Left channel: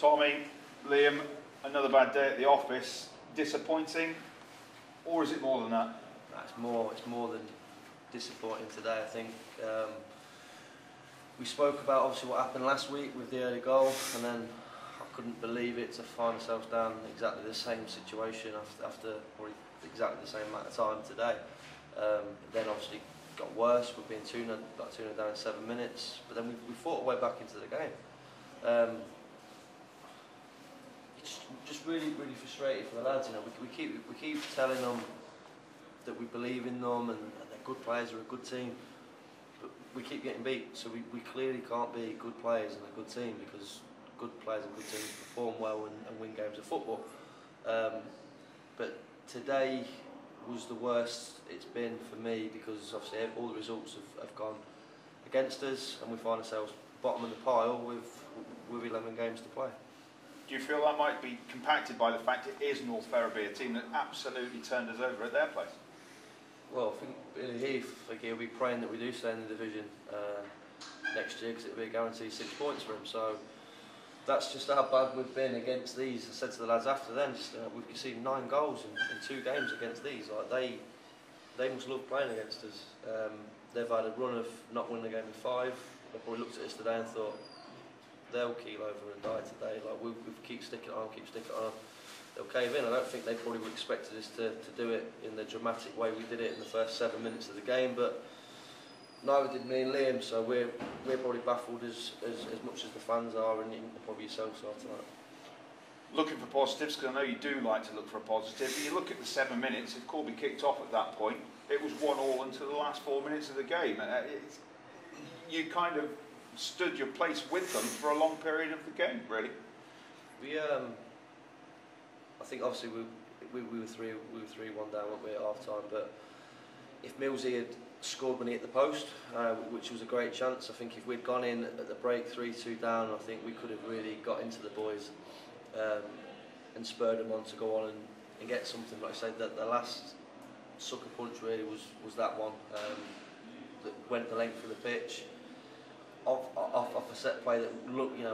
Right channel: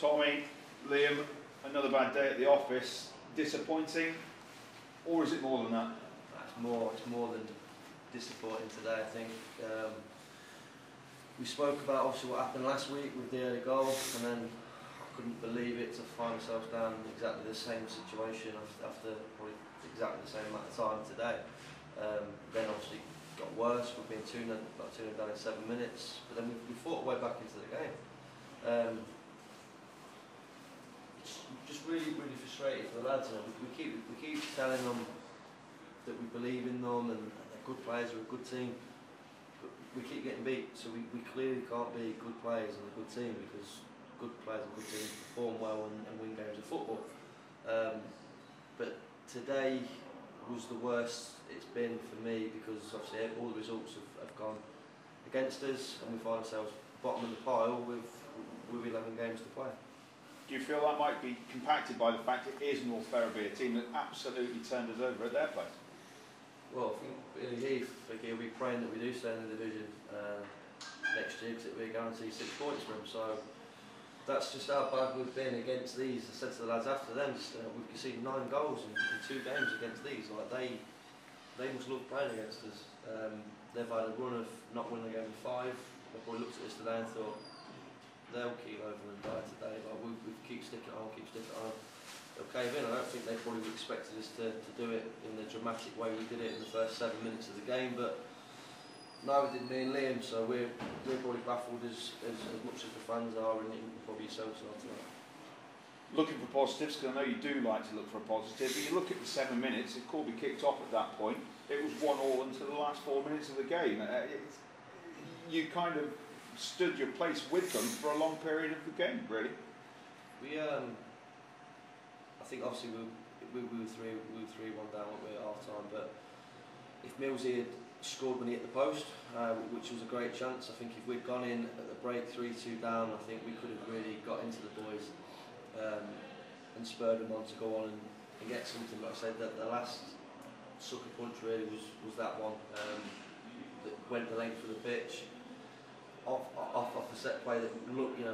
Tommy, Liam, another bad day at the office. Disappointing, or is it more than that? It's more than disappointing today. I think we spoke about obviously what happened last week with the early goal, and then I couldn't believe it to find ourselves down in exactly the same situation after probably exactly the same amount of time today. Then obviously got worse. We've been 2-0 down in 7 minutes, but then we fought our way back into the game. It's just really frustrating for the lads. You know, we keep telling them that we believe in them and they're good players, they're a good team, but we keep getting beat. So we clearly can't be good players and a good team, because good players and good teams perform well and win games of football. But today was the worst it's been for me, because obviously all the results have gone against us, and we find ourselves bottom of the pile with 11 games to play. Do you feel that might be compacted by the fact it is North Ferriby, a team that absolutely turned us over at their place? Well, I think Billy he'll be praying that we do stay in the division next year, because it'll be a guaranteed 6 points for him. So that's just how bad we've been against these. I said to the lads after then, we've conceded 9 goals in 2 games against these. Like they must love playing against us. They've had a run of not winning a game in 5. They probably looked at us today and thought, they'll keel over and die today. Like we keep sticking on, they'll cave in. I don't think they probably would expected us to do it in the dramatic way we did it in the first 7 minutes of the game, but neither did me and Liam. So we're probably baffled as much as the fans are, and probably yourselves are tonight. Looking for positives, because I know you do like to look for a positive. But you look at the 7 minutes. If Corby kicked off at that point, it was 1-1 until the last 4 minutes of the game. You kind of stood your place with them for a long period of the game, really. I think obviously we were 3-1 down, weren't we, at half time, but if Millsy had scored when he hit the post, which was a great chance, I think if we'd gone in at the break 3-2 down, I think we could have really got into the boys and spurred them on to go on and get something. Like I said, that the last sucker punch really was that one that went the length of the pitch. Off a set play that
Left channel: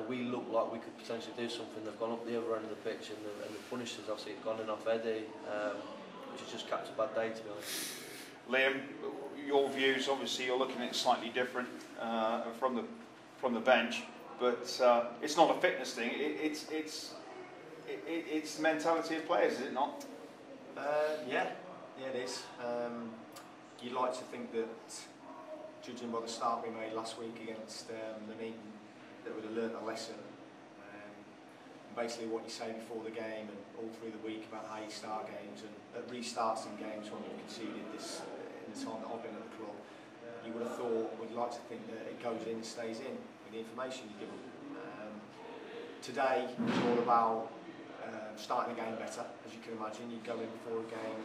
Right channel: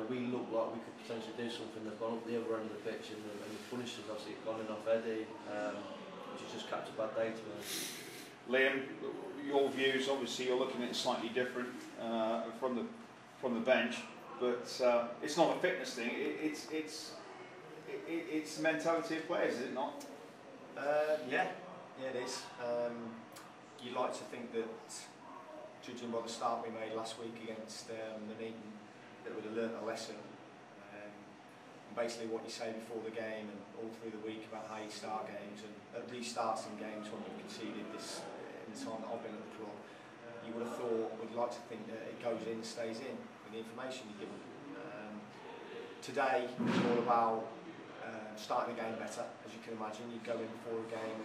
we looked like we could potentially do something. They've gone up the other end of the pitch, and the punishers obviously have gone in off Eddie, which has just capped a bad day, to be honest. Liam, your views, obviously you're looking at it slightly different from the bench, but it's not a fitness thing. It's the mentality of players, is it not? Yeah, it is. You'd like to think that, judging by the start we made last week against Nuneaton, that we'd have learnt a lesson. And basically what you say before the game and all through the week about how you start games, and at restarts in games when we've conceded this in the time that I've been at the club, you would have thought, we'd like to think that it goes in, stays in with the information you give them. Today it's all about starting the game better, as you can imagine. You'd go in before a game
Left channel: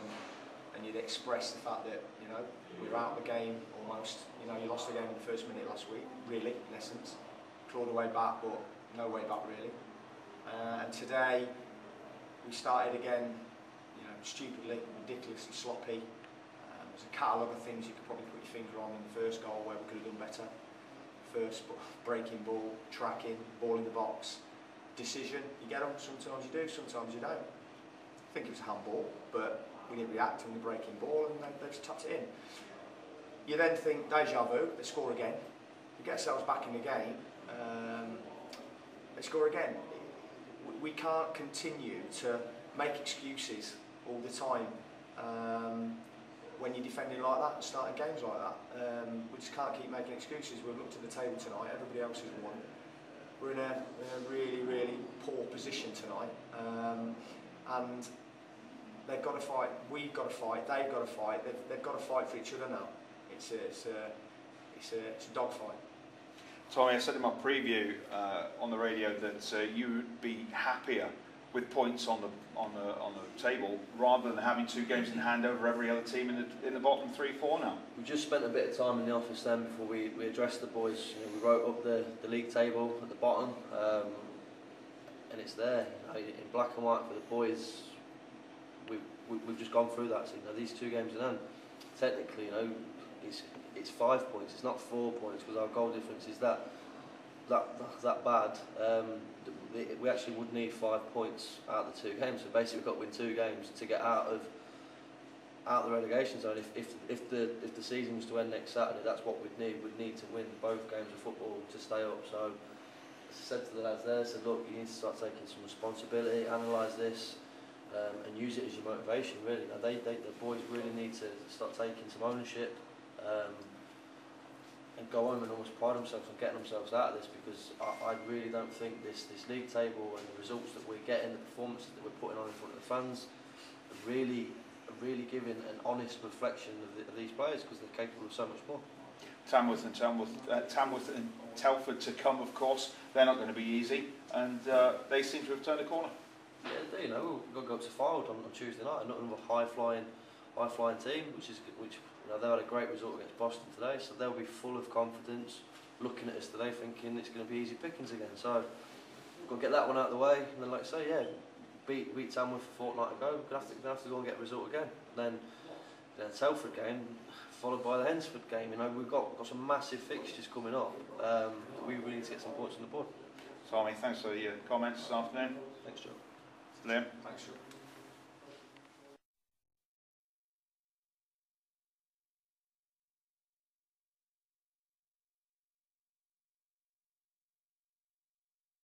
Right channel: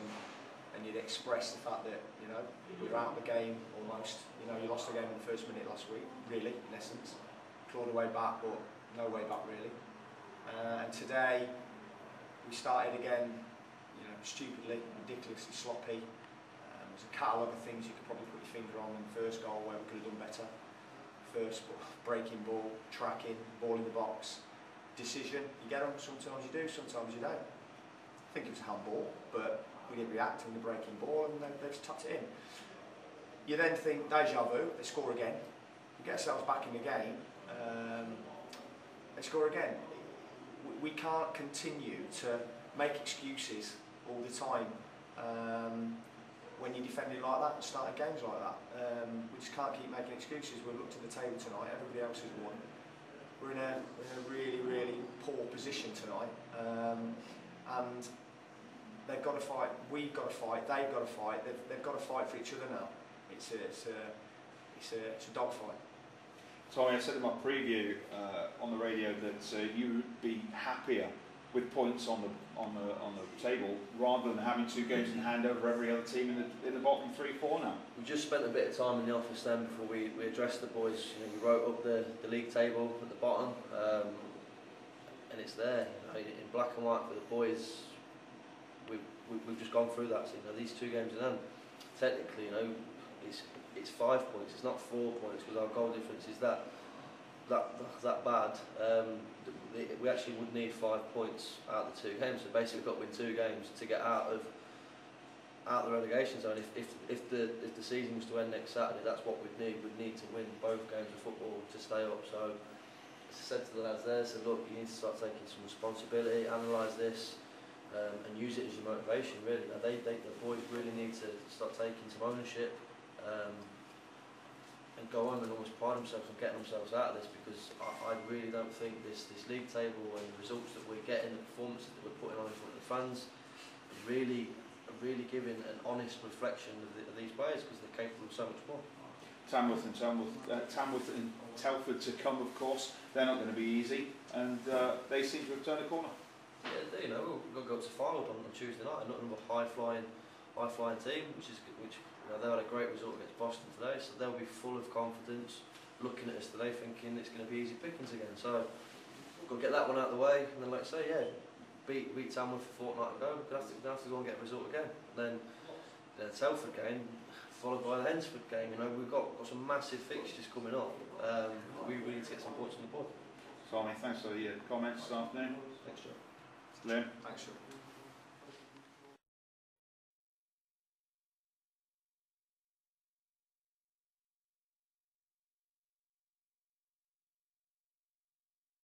and you'd express the fact that, you know, we're out of the game almost. You know, you lost the game in the first minute last week, really, in essence. Clawed a way back, but no way back really. And today we started again, you know, stupidly, ridiculously sloppy. There's a catalogue of things you could probably put your finger on in the first goal where we could have done better. First, breaking ball, tracking, ball in the box, decision. You get them, sometimes you do, sometimes you don't. I think it was a handball, but we didn't react when the breaking ball, and they just tapped it in. You then think, deja vu, they score again. We get ourselves back in the game, they score again. We can't continue to make excuses all the time when you're defending like that and starting games like that. We just can't keep making excuses. We've looked at the table tonight, everybody else has won. We're in a really, really poor position tonight, and they've got to fight, we've got to fight, they've got to fight, they've got to fight for each other now. It's a dogfight. Tommy, I said in my preview on the radio that you would be happier with points on the table rather than having 2 games in hand over every other team in the bottom 3-4 now. We just spent a bit of time in the office then before we addressed the boys. You know, we wrote up the league table at the bottom, and it's there, you know, in black and white for the boys. We've just gone through that. So, you know, these 2 games in hand, technically, you know, it's 5 points. It's not 4 points, because our goal difference is that. that bad, we actually would need 5 points out of the 2 games. So basically, we've got to win 2 games to get out of the relegation zone. If the season was to end next Saturday, that's what we'd need. We'd need to win both games of football to stay up. So as I said to the lads there, I said, look, you need to start taking some responsibility, analyse this, and use it as your motivation. Really, now the boys really need to start taking some ownership. And go home and almost pride themselves on getting themselves out of this, because I really don't think this league table and the results that we're getting, the performances that we're putting on in front of the fans, are really giving an honest reflection of these players, because they're capable of so much more. Tamworth and Telford to come, of course. They're not going to be easy, and they seem to have turned a corner. Yeah, you know, we've got to go up to Fylde on Tuesday night, not another high flying team, which they had a great result against Boston today, so they'll be full of confidence, looking at us today thinking it's going to be easy pickings again. So we've got to get that one out of the way, and then, like I say, yeah, beat Tamworth a fortnight ago. We're going to have to go and get a result again. And then the Telford game, followed by the Hensford game. You know, we've got some massive fixtures coming up. We need to get some points on the board. Tommy, thanks for your comments this afternoon. Thanks, John. Liam? Thanks, Sean.